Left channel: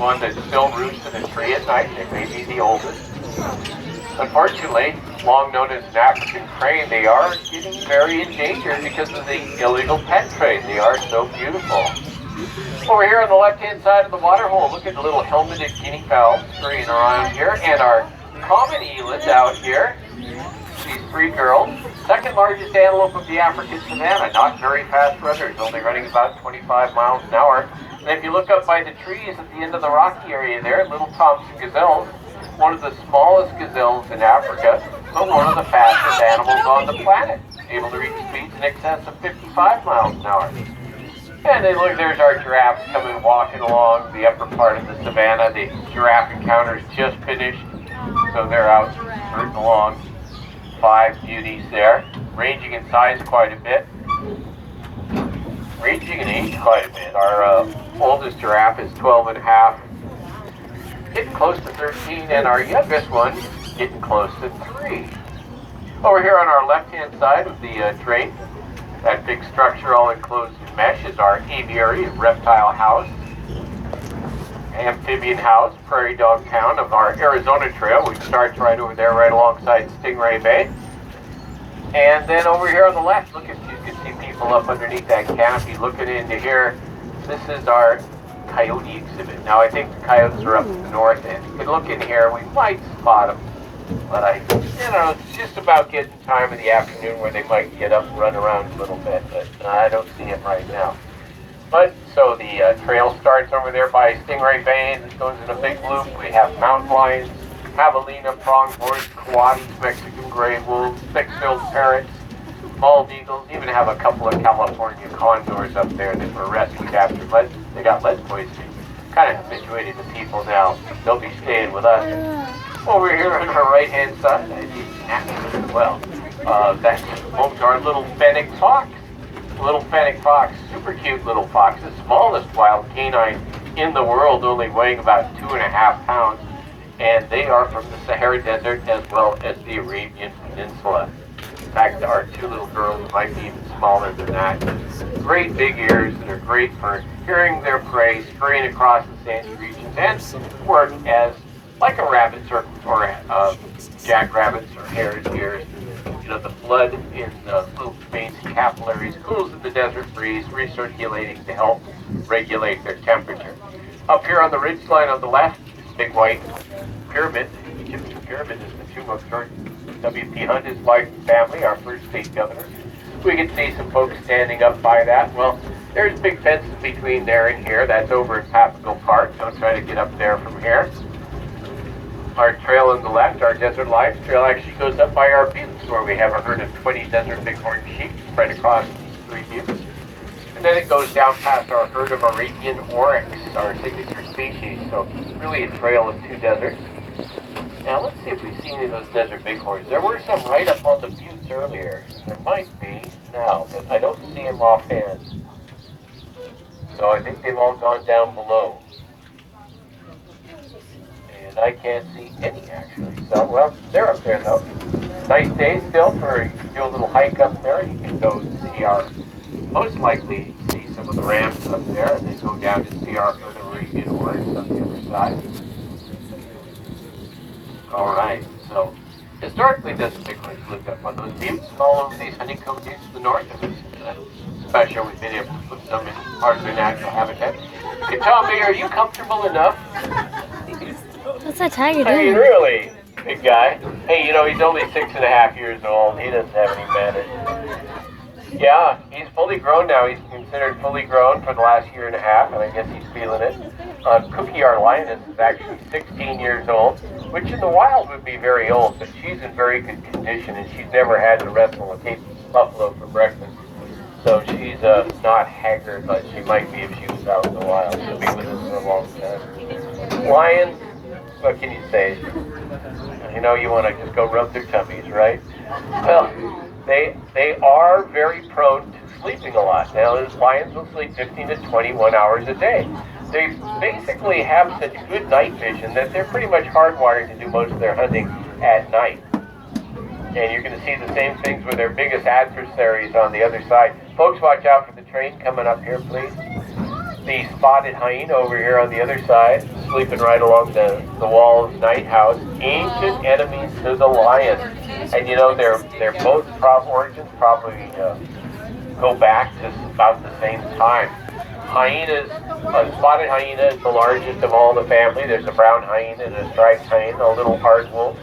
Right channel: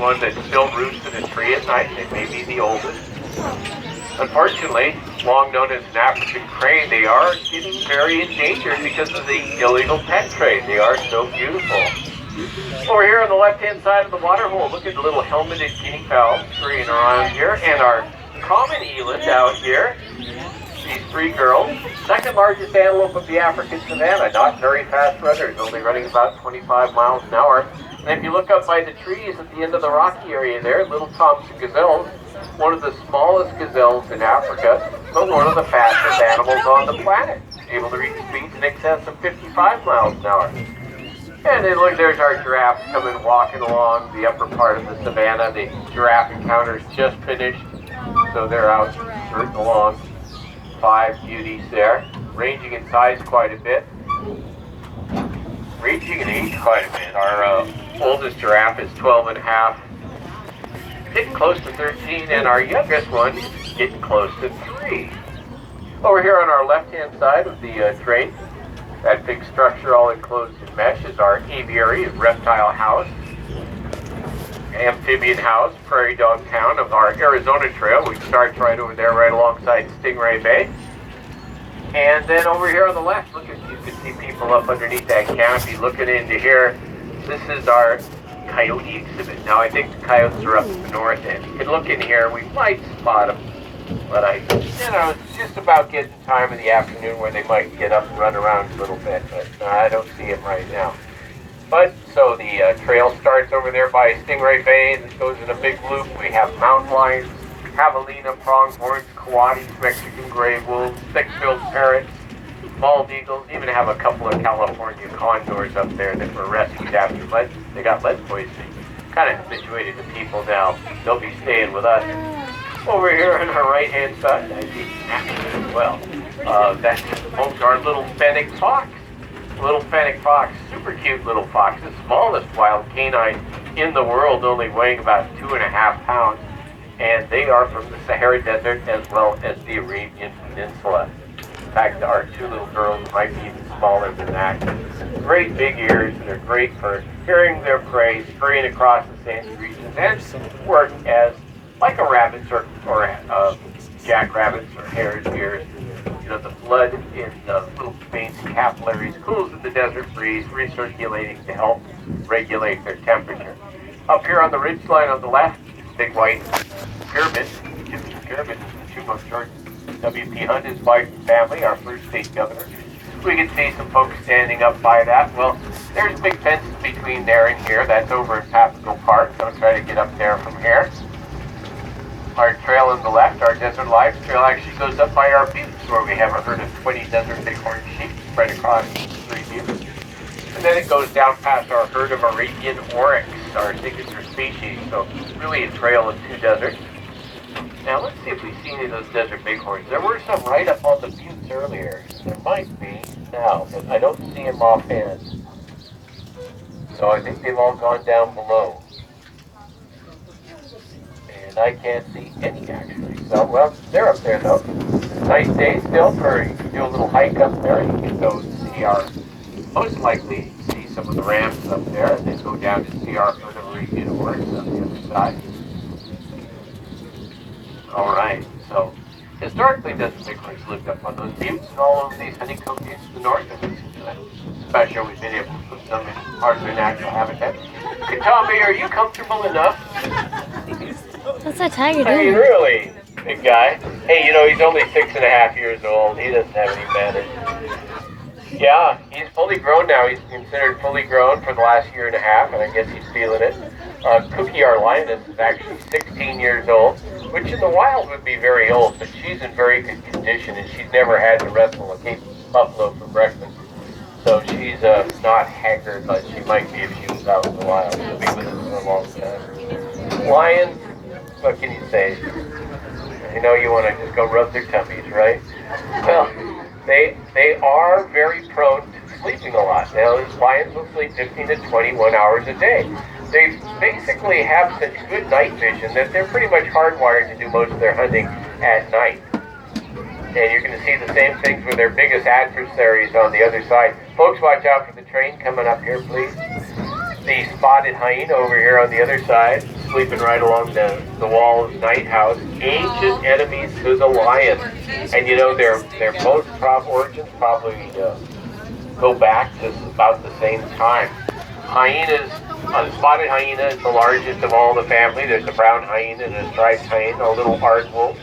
one that still roosts in a tree at night. It may be the oldest. Unfortunately, long known as an African crane, they are getting very endangered because of the illegal pet trade. They are so beautiful. Over here on the left-hand side of the water hole, look at the little helmeted guinea fowl scurrying around here, and our common eland out here. These three girls. Second largest antelope of the African savanna. Not very fast runners, only running about 25 miles an hour. And if you look up by the trees at the end of the rocky area there, little Thompson gazelles, one of the smallest gazelles in Africa, but one of the fastest animals on the planet, able to reach speeds in excess of 55 miles an hour. And then look, there's our giraffes coming walking along the upper part of the savanna. The giraffe encounters just finished, so they're out rooting along. 5 beauties there, ranging in size quite a bit, ranging in age quite a bit. Our oldest giraffe is 12 and a half, getting close to 13, and our youngest one getting close to 3. Over here on our left-hand side of the train, that big structure all enclosed in mesh is our aviary and reptile house, amphibian house, prairie dog town of our Arizona Trail, which starts right over there, right alongside Stingray Bay. And then over here on the left, look at, you can see people up underneath that canopy looking into here. This is our coyote exhibit. Now I think the coyotes are up to the north end. You can look in here, we might spot them, but it's just about getting time in the afternoon where they might get up and run around a little bit, but I don't see it right now. But, so the trail starts over there by Stingray Bay and goes in a big loop. We have mountain lions, javelina, pronghorns, coatis, Mexican gray wolves, thick-billed parrots, bald eagles, even have a couple of California condors up there that were rescued after they got lead poisoning. Kind of habituated to people now. They'll be staying with us. Over here on our right-hand side, I see action as well. That's our little fennec fox. Little fennec fox, super cute little fox, the smallest wild canine in the world, only weighing about 2.5 pounds, and they are from the Sahara Desert as well as the Arabian Peninsula. In fact, our 2 little girls might be even smaller than that. Great big ears, they're great for hearing their prey, scurrying across the sandy regions, and work as like a rabbit's or jackrabbits or hare's ears. The blood in the little veins and capillaries cools in the desert breeze, recirculating to help regulate their temperature. Up here on the ridge line on the left, this big white pyramid, Egyptian pyramid, is the tomb of George W.P. Hunt, his wife and family, our first state governor. We can see some folks standing up by that. Well, there's big fences between there and here. That's over at Papago Park. Don't try to get up there from here. Our trail on the left, our Desert Lives Trail, actually goes up by our buttes where we have a herd of 20 desert bighorn sheep spread across 3 buttes. And then it goes down past our herd of Arabian oryx, our signature species. So really a trail of 2 deserts. Now let's see if we see any of those desert bighorns. There were some right up on the buttes earlier. There might be now, but I don't see them offhand. So I think they've all gone down below. And I can't see any actually. So, well, they're up there though. Nice day still for you can do a little hike up there. You can go see most likely see some of the rams up there, and then go down to see our Arabian oryx on the other side. Alright, so historically desert bighorns lived up on those buttes and all over these honeycomb buttes to the north of it. Especially we've been able to put some in parts of their natural habitat. Hey, Tommy, are you comfortable enough? What's that tiger doing? Hey, really? Big guy. Hey, he's only 6.5 years old. He doesn't have any manners. Yeah, he's fully grown now. He's considered fully grown for the last 1.5 years, and I guess he's feeling it. Cookie, our lioness, is actually 16 years old, which in the wild would be very old, but she's in very good condition, and she's never had to wrestle a Cape buffalo for breakfast. So she's not haggard, but she might be if she was out in the wild. Lions, what can you say? You want to just go rub their tummies, right? Well, they are very prone to sleeping a lot. Now, lions will sleep 15 to 21 hours a day. They basically have such good night vision that they're pretty much hardwired to do most of their hunting at night. And you're going to see the same things with their biggest adversaries on the other side. Folks, watch out for the train coming up here, please. The spotted hyena over here on the other side. sleeping right along the wall of Night House. Ancient enemies to the lion. And you know, their both origins probably go back to about the same time. Hyenas, a spotted hyena is the largest of all the family. There's a brown hyena and a striped hyena, a little aardwolf.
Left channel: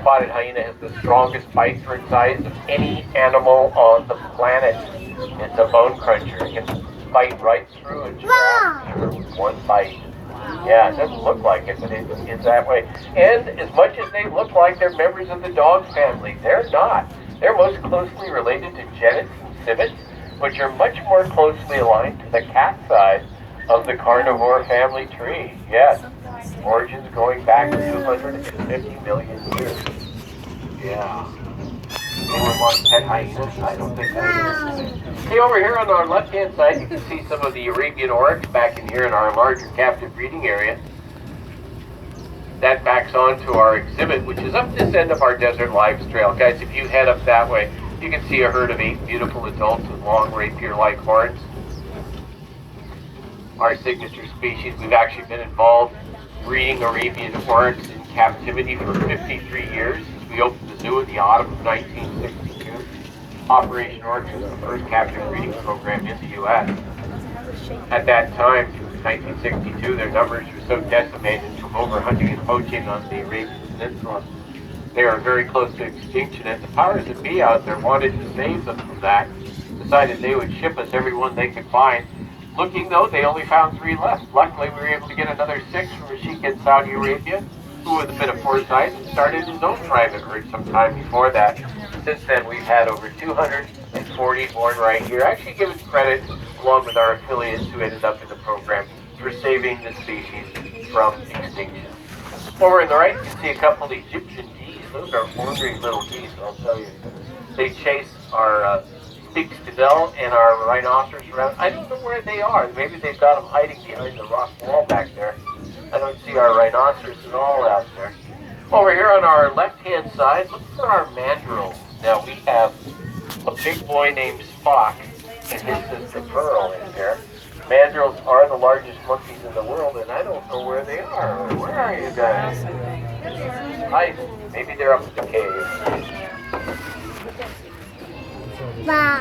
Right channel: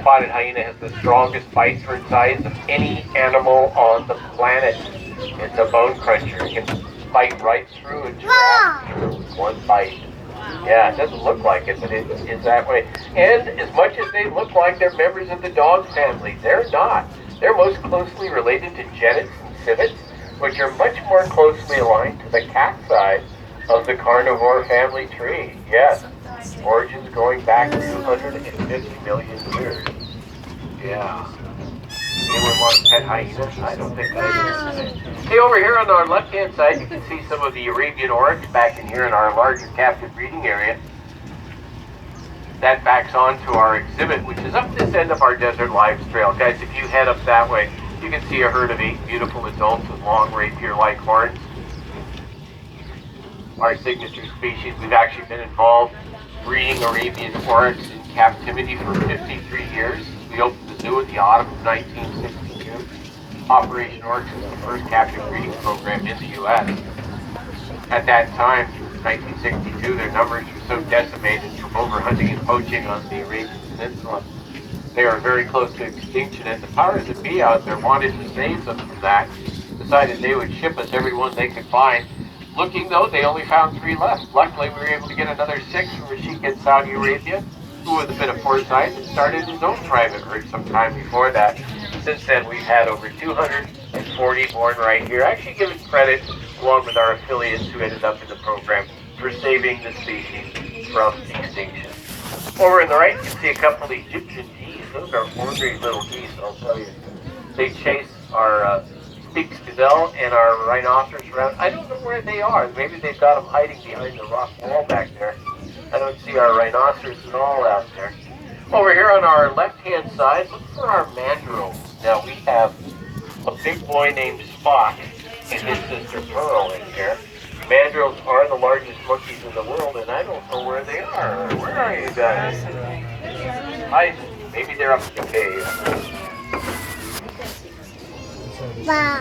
Spotted hyena has the strongest bite for its size of any animal on the planet. It's a bone cruncher. It can bite right through a giraffe with one bite. Yeah, it doesn't look like it, but it's that way. And as much as they look like they're members of the dog family, they're not. They're most closely related to genets and civets, which are much more closely aligned to the cat side of the carnivore family tree. Yes, origins going back 250 million years. Yeah. Anyone want to pet hyenas? I don't think I do. See, over here on our left-hand side, you can see some of the Arabian oryx back in here in our larger captive breeding area. That backs on to our exhibit, which is up this end of our Desert Lives Trail. Guys, if you head up that way, you can see a herd of 8 beautiful adults with long rapier-like horns. Our signature species. We've actually been involved breeding Arabian oryx in captivity for 53 years. We opened the zoo in the autumn of 1962. Operation Oryx was the first captive breeding program in the U.S. At that time, 1962, their numbers were so decimated from overhunting and poaching on the Arabian Peninsula. They are very close to extinction, and the powers that be out there wanted to save them from that. Decided they would ship us every one they could find. Looking though, they only found 3 left. Luckily, we were able to get another 6 from a sheik in Saudi Arabia, who with a bit of foresight and started his own private herd sometime before that. Since then, we've had over 240 born right here. I actually give it credit, along with our affiliates who ended up in the program, for saving the species from extinction. Over on the right, you can see a couple of Egyptian geese. Those are ornery little geese, I'll tell you. They chase our big Stadell and our rhinoceros around. I don't know where they are. Maybe they've got them hiding behind the rock wall back there. I don't see our rhinoceros at all out there. Over here on our left-hand side, look for our mandrills. Now we have a big boy named Spock and his sister Pearl in here. Mandrills are the largest monkeys in the world, and I don't know where they are. Where are you guys? Hi. Maybe they're up in the cave. Mom.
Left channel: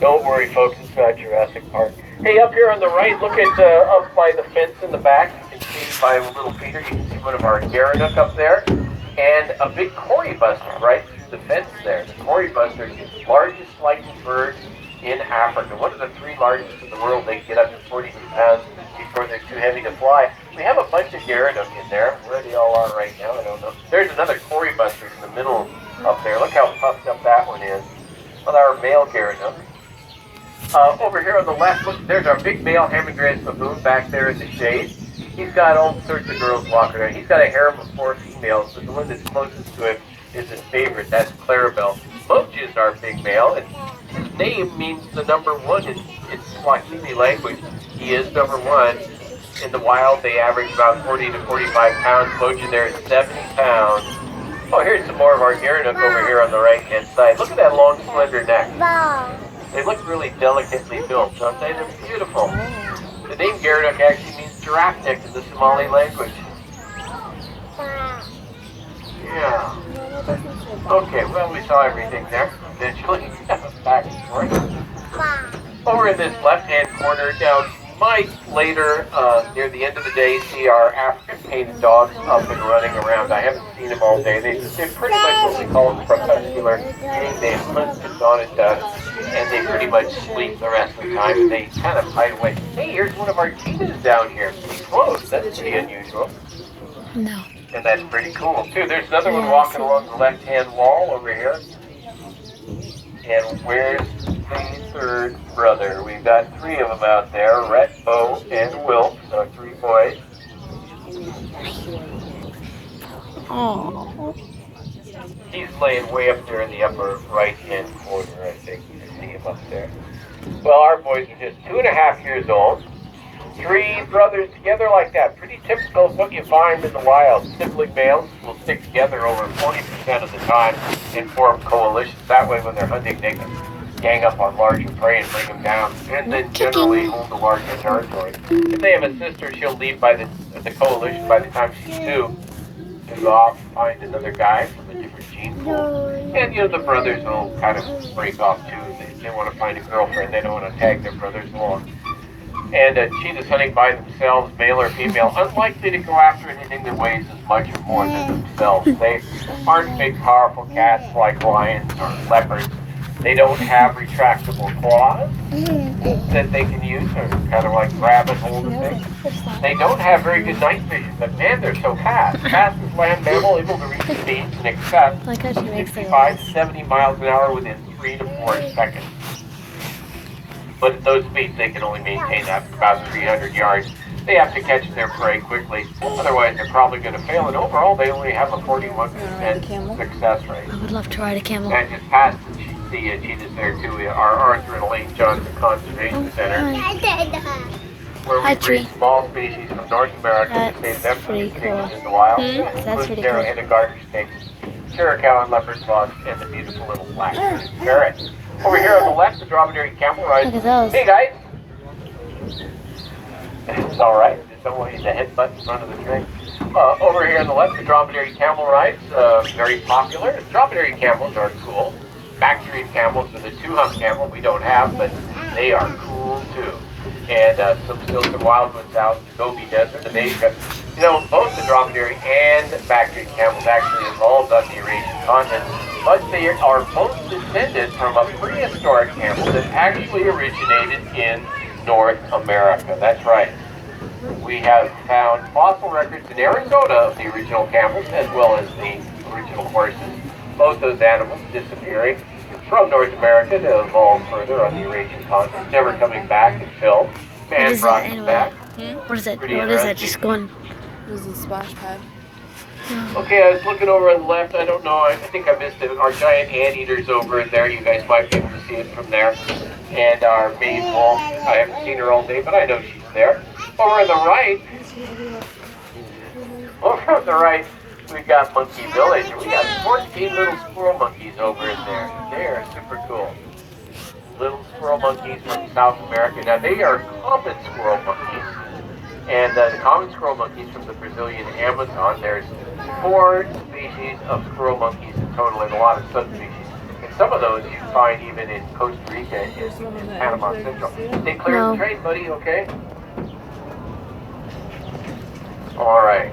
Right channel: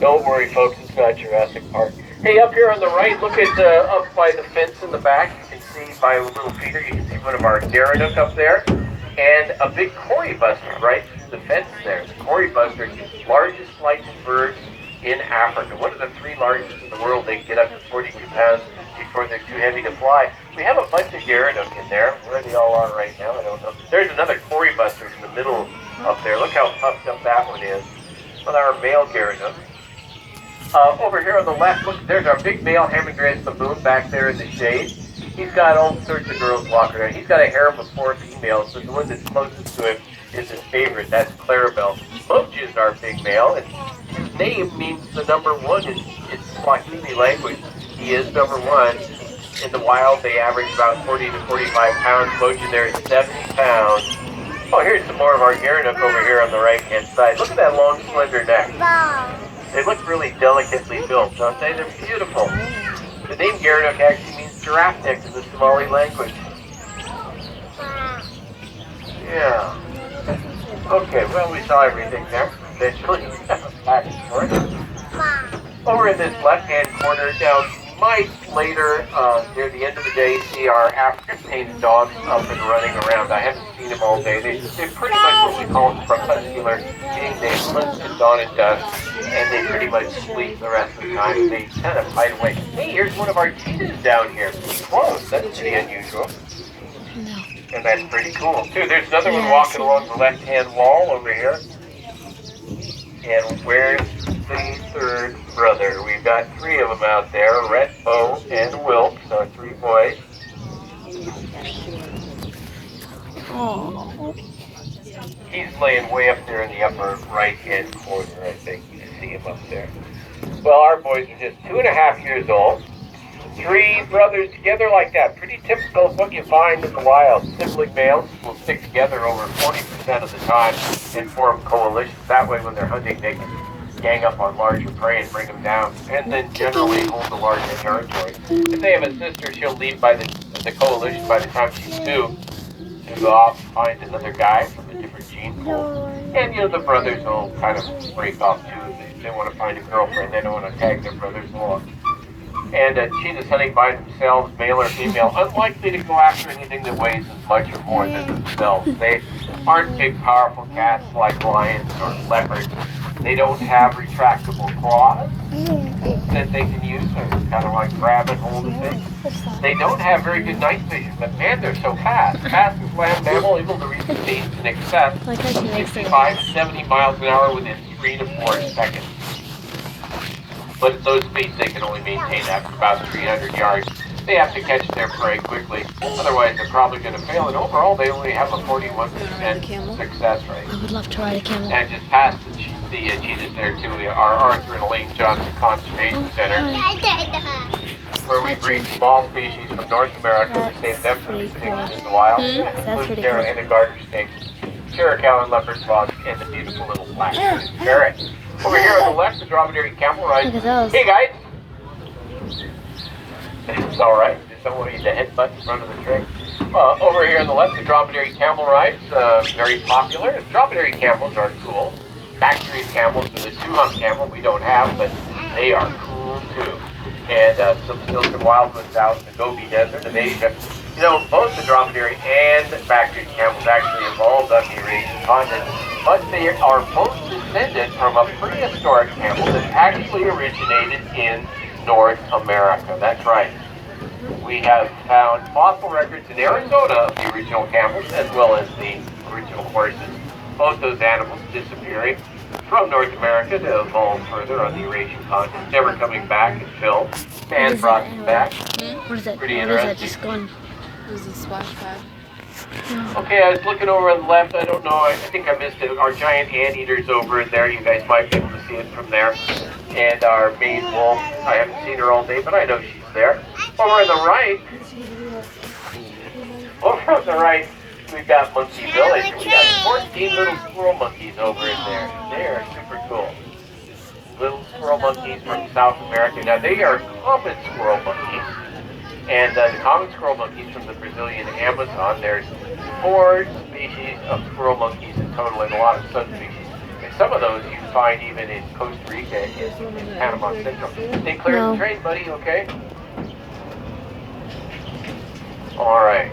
Don't worry, folks. It's not Jurassic Park. Hey, up here on the right, look at up by the fence in the back. You can see by a little feeder, you can see one of our Gerenuk up there, and a big Cory buster right through the fence there. The Cory buster is the largest licensed bird in Africa. One of the 3 largest in the world. They get up to 42 pounds before they're too heavy to fly. We have a bunch of Gerenuk in there. Where they all are right now, I don't know. There's another Cory buster in the middle up there. Look how puffed up that one is. Well, our male Gerenuk. Over here on the left, look, there's our big male Hamadryas baboon back there in the shade. He's got all sorts of girls walking around. He's got a harem of 4 females, but the one that's closest to him is his favorite. That's Clarabelle. Munch is our big male, and his name means the number 1 in Swahili language. He is number 1. In the wild, they average about 40 to 45 pounds. Munch in there is 70 pounds. Oh, here's some more of our Gerenuk over here on the right-hand side. Look at that long, slender neck. They look really delicately built, don't they? They're beautiful. The name Gerenuk actually means giraffe neck in the Somali language. Yeah. Okay, well, we saw everything there eventually. Back and forth. Over in this left-hand corner, now, you might later, near the end of the day, see our African painted dogs up and running around. I haven't seen them all day. They're pretty much what we call crepuscular, meaning they hunt at dawn and dusk, and they pretty much sleep the rest of the time. They kind of hide away. Hey, here's one of our cheetahs down here. Close. That's pretty unusual. No. And that's pretty cool, too. There's another one walking along the left-hand wall over here. And where's the 3rd brother? We've got 3 of them out there, Rhett, Bo, and Wilkes, so 3 boys. Oh. He's laying way up there in the upper right-hand corner, I think. You can see him up there. Well, our boys are just 2.5 years old. 3 brothers together like that. Pretty typical of what you find in the wild. Sibling males will stick together over 40% of the time and form coalitions. That way, when they're hunting, they can gang up on larger prey and bring them down, and then generally hold the larger territory. If they have a sister, she'll leave by the coalition by the time she's 2. She'll go off, find another guy from a different gene pool. And, the brothers will kind of break off too. They want to find a girlfriend. They don't want to tag their brothers along. And cheetahs hunting by themselves, male or female, unlikely to go after anything that weighs as much or more than themselves. They aren't big, powerful cats like lions or leopards. They don't have retractable claws that they can use, kind of like rabbit holding things. They don't have very good night vision, but man, they're so fast. Fastest land mammal, able to reach speeds in excess of 65, 70 miles an hour within 3 to 4 seconds. But at those speeds, they can only maintain after about 300 yards. They have to catch their prey quickly, otherwise they're probably going to fail. And overall, they only have a 41% success rate. I would love to ride a camel. And just past the cheetahs there too, our Arthur and Elaine Johnson Conservation Center, where we breed small species from North America to save them from extinction in the wild. That's pretty There cool. and the garter snakes, Chiricahua and leopard dogs, and the beautiful little black ferret. Over here on the left, the dromedary camel rides. Look at those. Hey guys! It's alright, just don't want you to hit button in front of the train. Over here on the left, the dromedary camel rides, very popular. Dromedary camels are cool. Factory camels and the two-hump camel we don't have, but they are cool too. And some silk and wildwoods out in the Gobi Desert of Asia. Both the dromedary and factory camels actually evolved on the Eurasian continent, but they are both descended from a prehistoric camel that actually originated in North America. That's right. We have found fossil records in Arizona of the original camels as well as the original horses. Both those animals disappearing from North America to evolve further on the Eurasian continent, never coming back until man brought them back. What is it? Pretty What is it? interesting. Just going. This is a splash pad. Okay, I was looking over on the left. I don't know. I think I missed it. Our giant anteater's over in there. You guys might be able to see it from there. And our maid wolf. I haven't seen her all day, but I know she's there. Over on the right. Over on the right, we've got Monkey Village. We got 14 little squirrel monkeys over in there. They're super cool. Little squirrel monkeys from South America. Now they are common squirrel monkeys. And the common squirrel monkeys from the Brazilian Amazon. There's 4 species of squirrel monkeys in total and a lot of subspecies. And some of those you find even in Costa Rica and Panama Central. Stay clear of the train, buddy, okay? All right.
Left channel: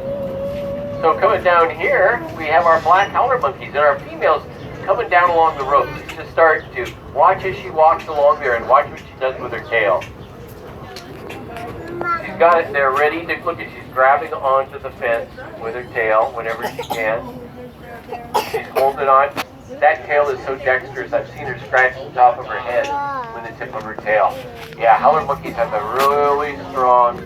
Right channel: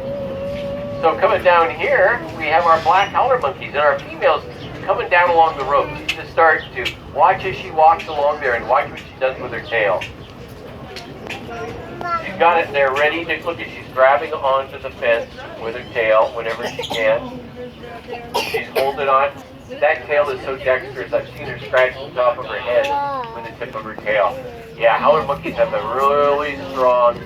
So coming down here, we have our black howler monkeys and our females coming down along the road. Just start to watch as she walks along there and watch what she does with her tail. She's got it there ready to look at. She's grabbing onto the fence with her tail whenever she can. She's holding on. That tail is so dexterous. I've seen her scratch the top of her head with the tip of her tail. Yeah, howler monkeys have a really strong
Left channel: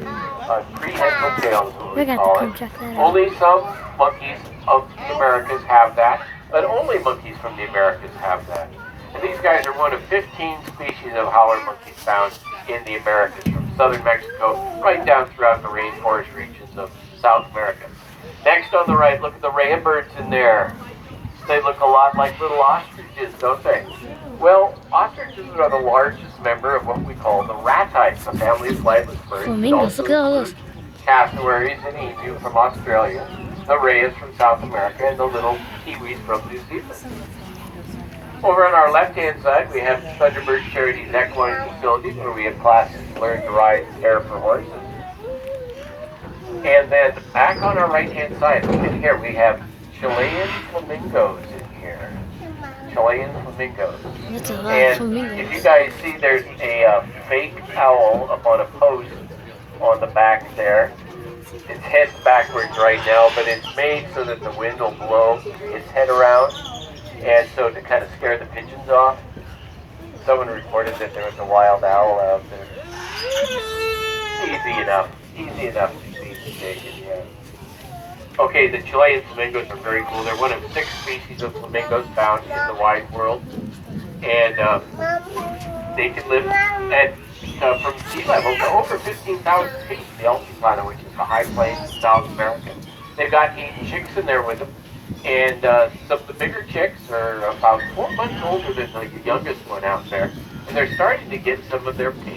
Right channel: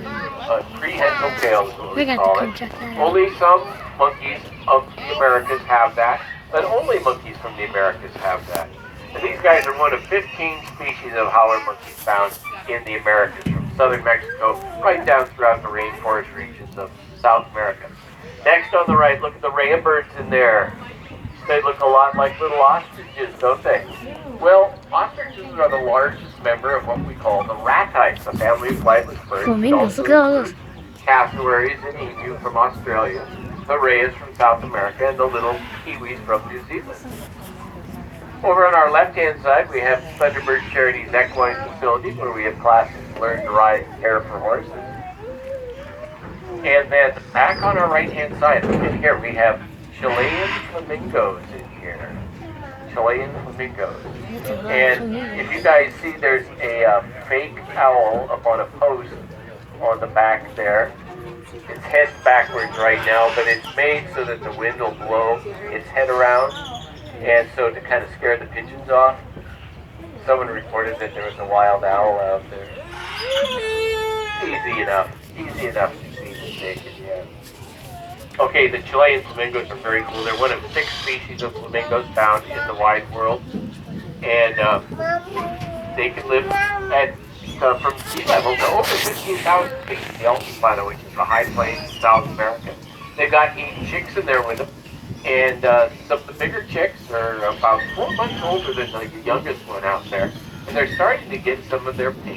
prehensile tail. Is what We we got call to come it. check that out. Only some monkeys of the Americas have that, but only monkeys from the Americas have that. And these guys are one of 15 species of howler monkeys found in the Americas, from southern Mexico right down throughout the rainforest regions of South America. Next on the right, look at the rain birds in there. They look a lot like little ostriches, don't they? Well, ostriches are the largest member of what we call the ratites, a family of flightless birds. Flamingos, look at all those. Cassowaries and emu from Australia, the rays from South America, and the little kiwis from New Zealand. Over on our left-hand side, we have Thunderbird Charities Equine Facility, where we have classes to learn to ride and care for horses. And then back on our right-hand side, look in here, we have Chilean flamingos in here. Chilean flamingos. That's a lot of And flamingos. if you guys see, there's a fake owl up on a post on the back there. Its head's backwards right now, but it's made so that the wind will blow its head around, and so to kind of scare the pigeons off. Someone reported that there was a wild owl out there. Easy enough to see taken, yeah. Okay, the Chilean flamingos are very cool. They're one of 6 species of flamingos found in the wide world, and they can live at from sea level to over 15,000 feet in the Altiplano, which is the high plains of South America. They've got 8 chicks in there with them, And some of the bigger chicks are about 4 months older than like the youngest one out there. And they're starting to get some of their pink